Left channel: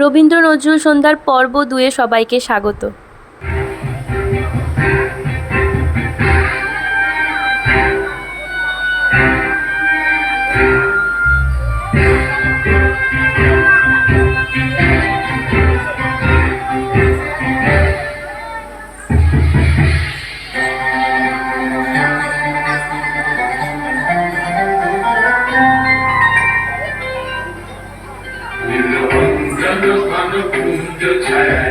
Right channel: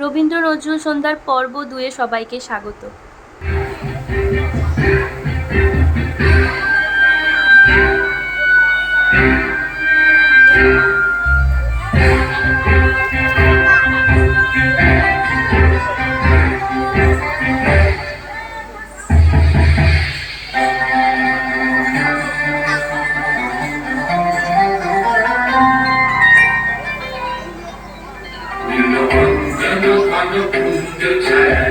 রবীন্দ্র নজরুল সন্ধ্যার পর্ব দুয়ে সবাইকে স্বাগত।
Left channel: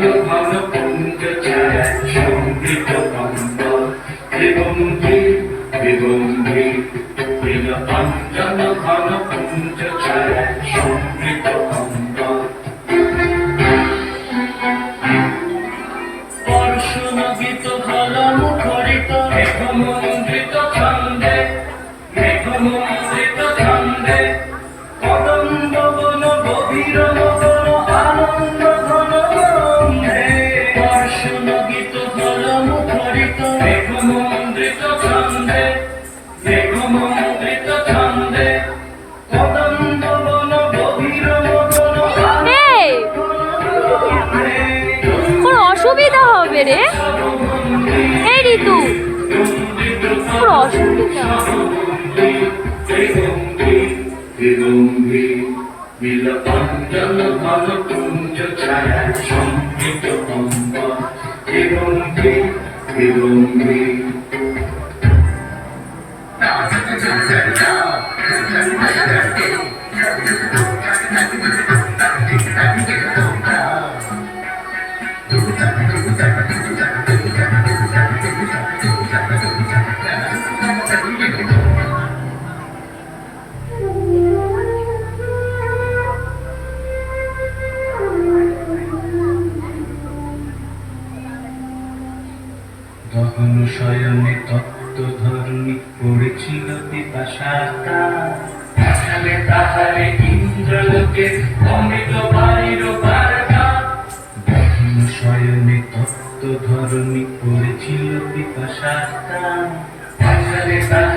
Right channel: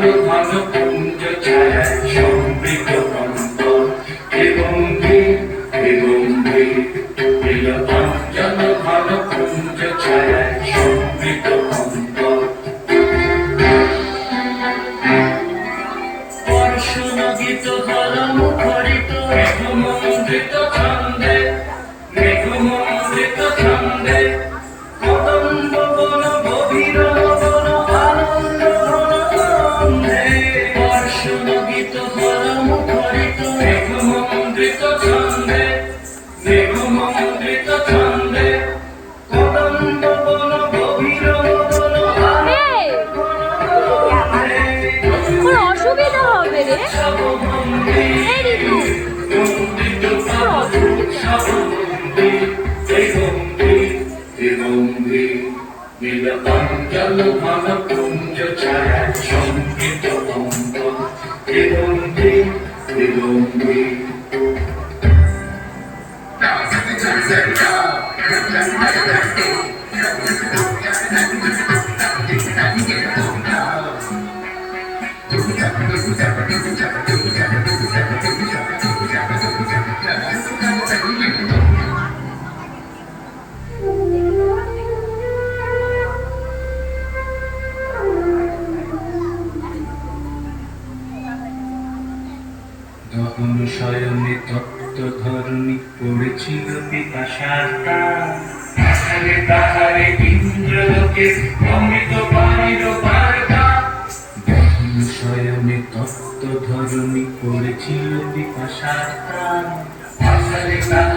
ভালো ভালো কুঞ্জ ছায়া সমৃদ্ধ কম্প এবং এবং প্রিয় অঞ্জন ঘন কুঞ্জ ছায়া সমৃদ্ধ কম্প পরশুন গীত ঘন মুখরিত মেঘমন্দ্রিত ছন্দে মেঘমন্দ্রিত ছন্দে কদম্ব গভীর Bila panjang malam pun tercahaya তখন স্বয়নে তত্ত্ব ধরণী পড়েছিল পিপাসাতা তাহলে তাহারে ইন্দ্রলোকে অমৃত পাইল তখন স্বয়নে তত্ত্ব ধরণী পড়েছিল পিপাসাতা তাহলে তাহারে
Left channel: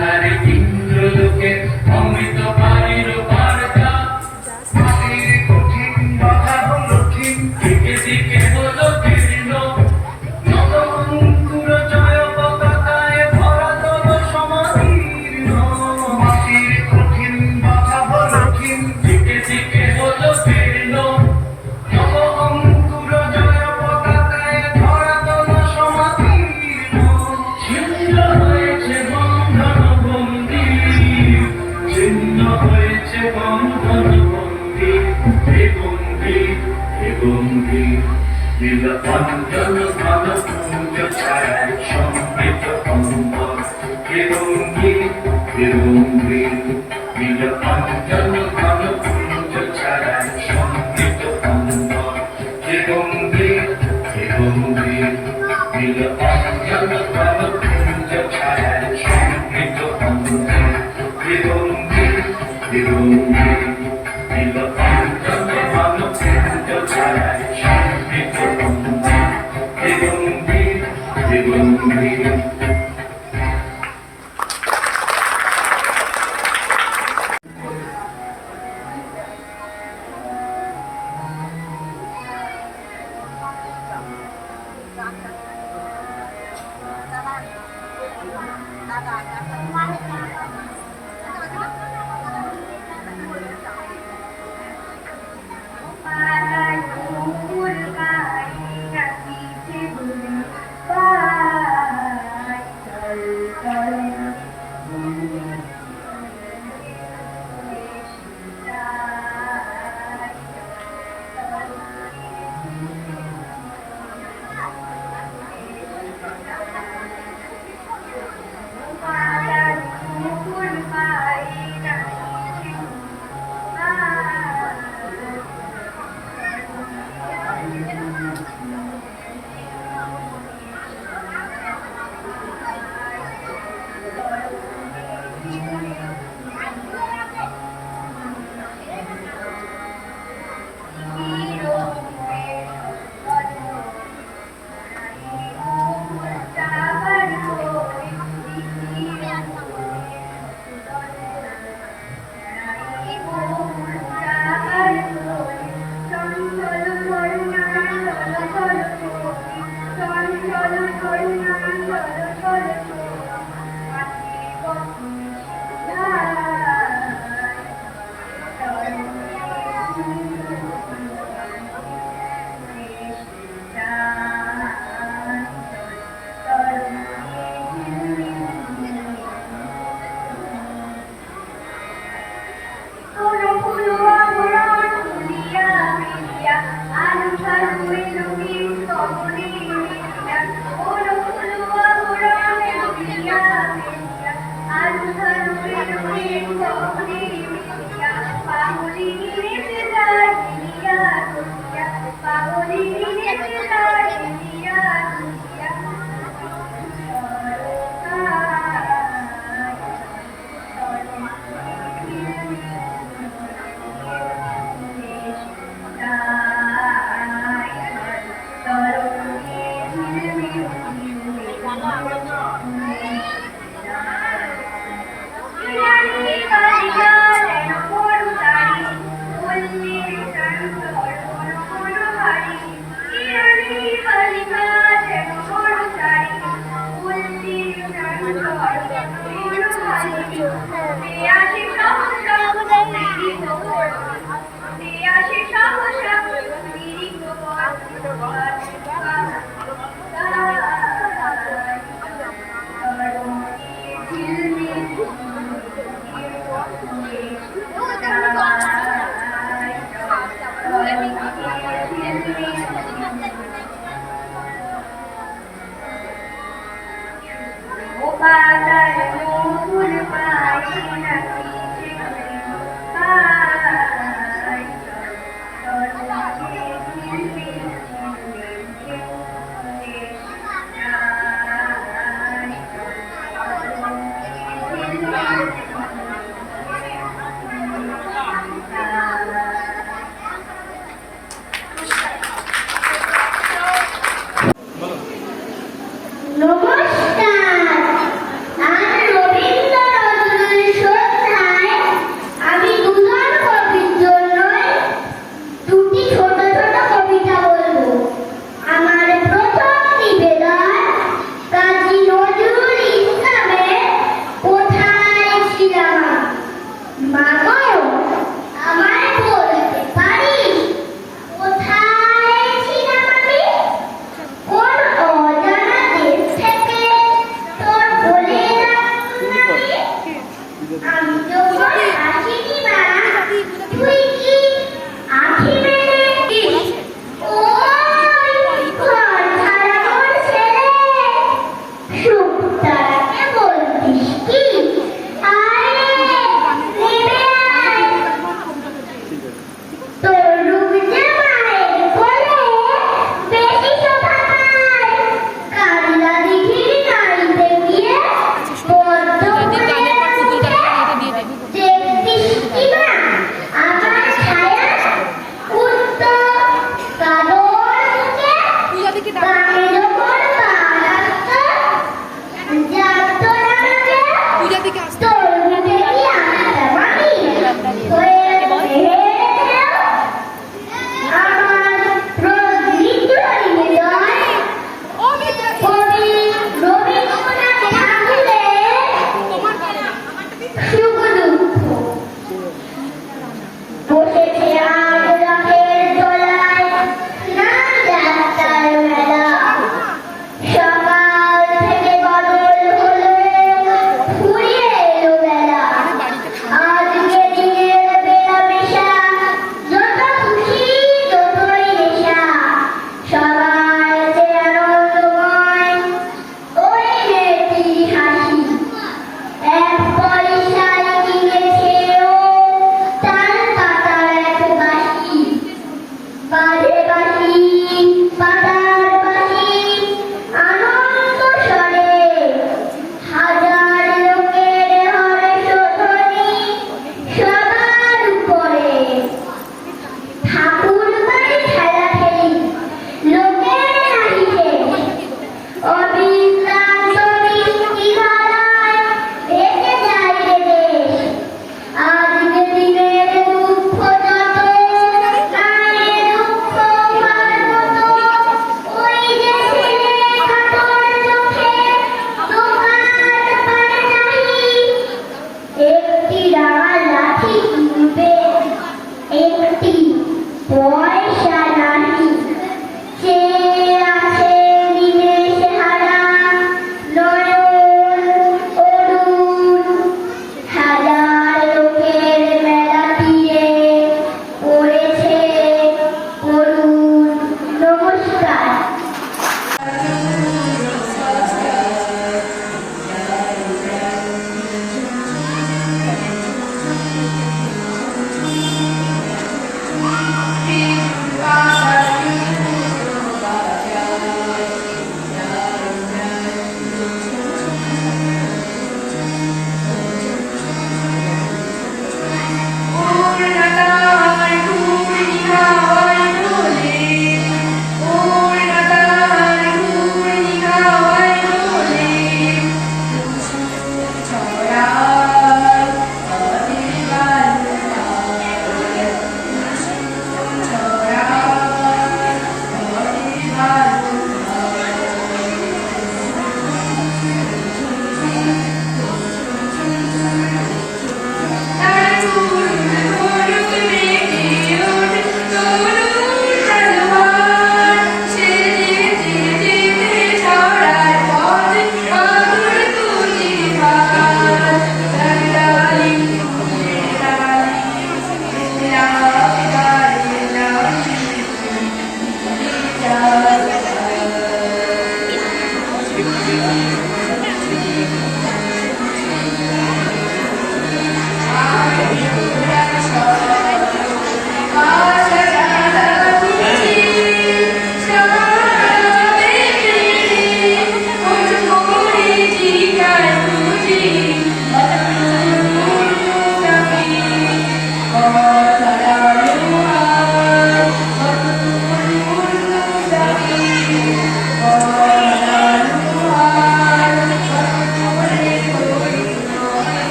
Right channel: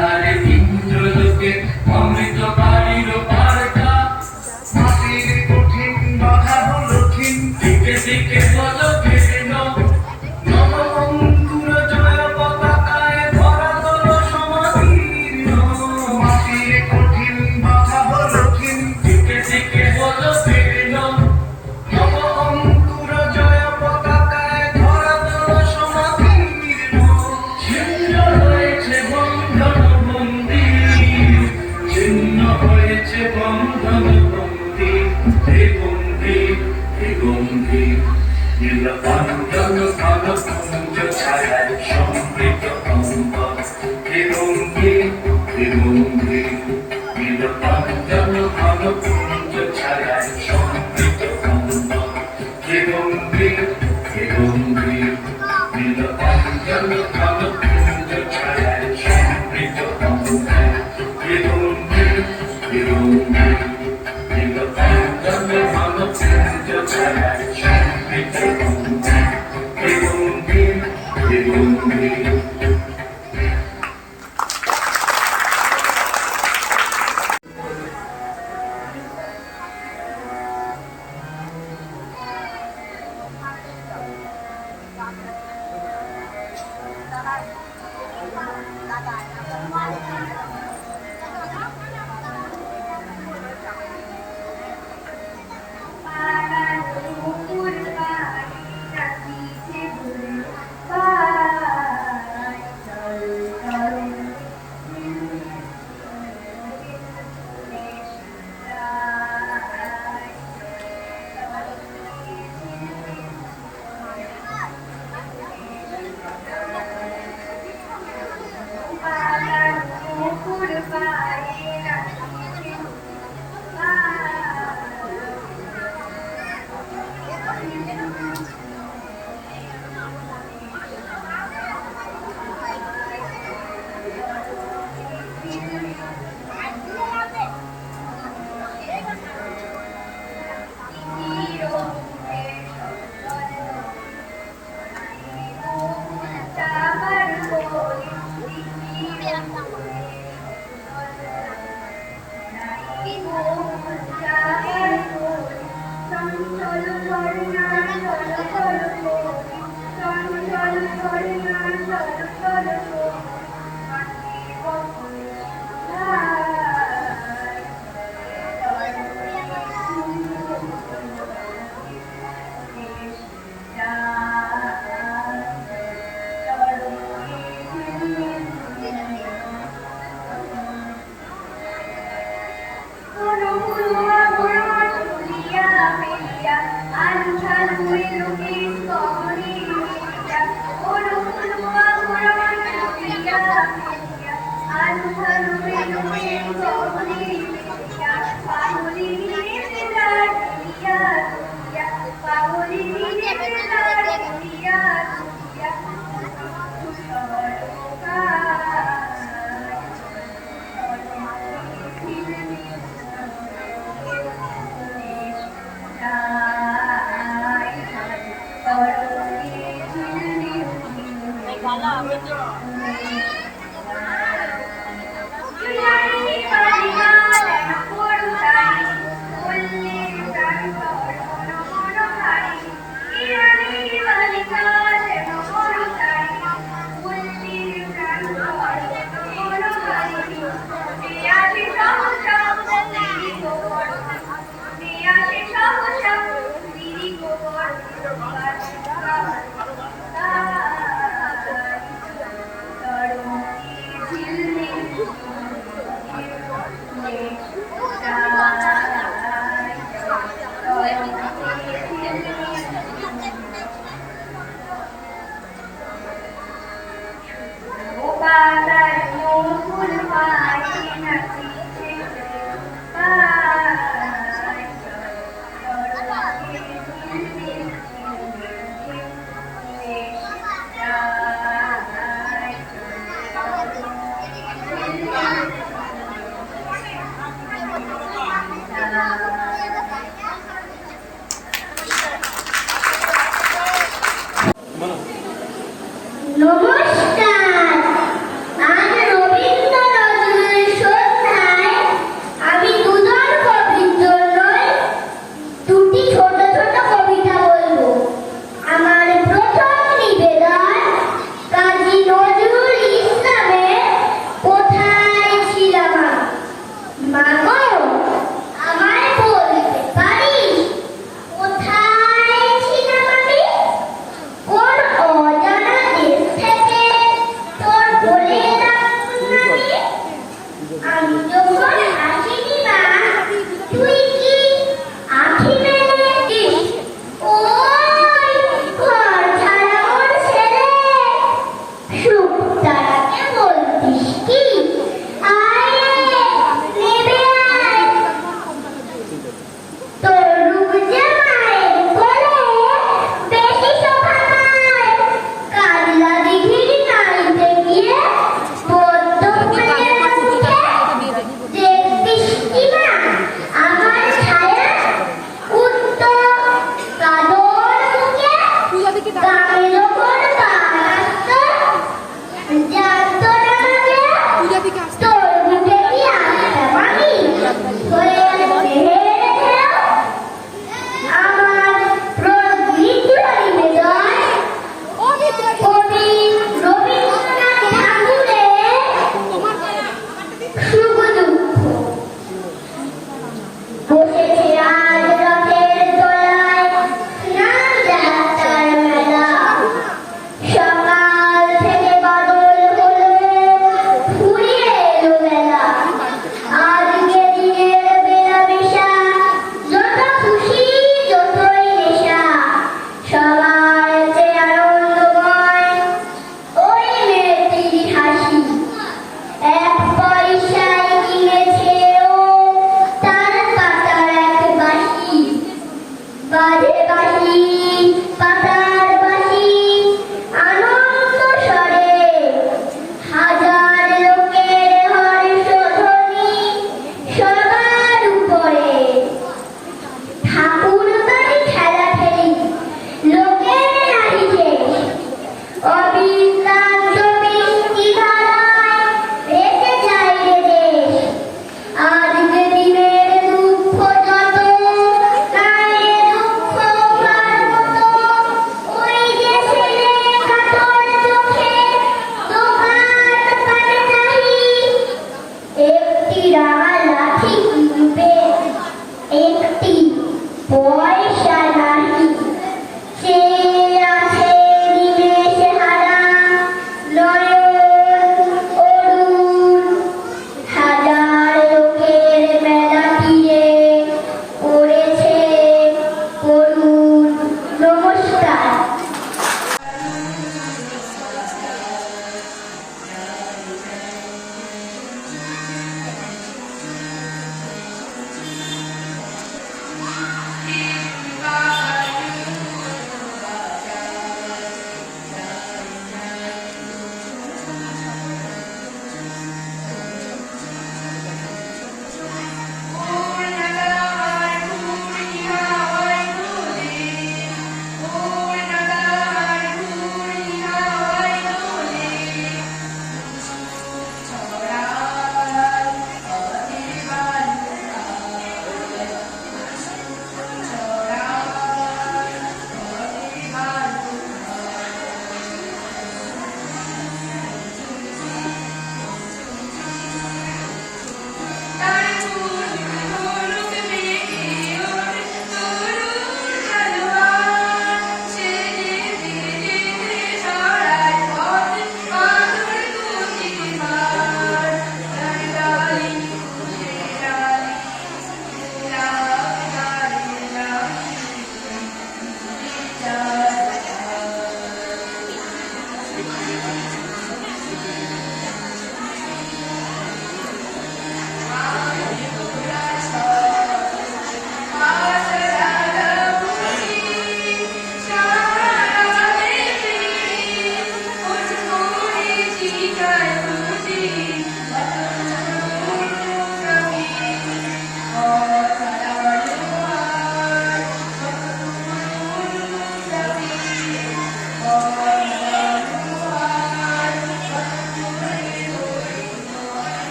Thank you.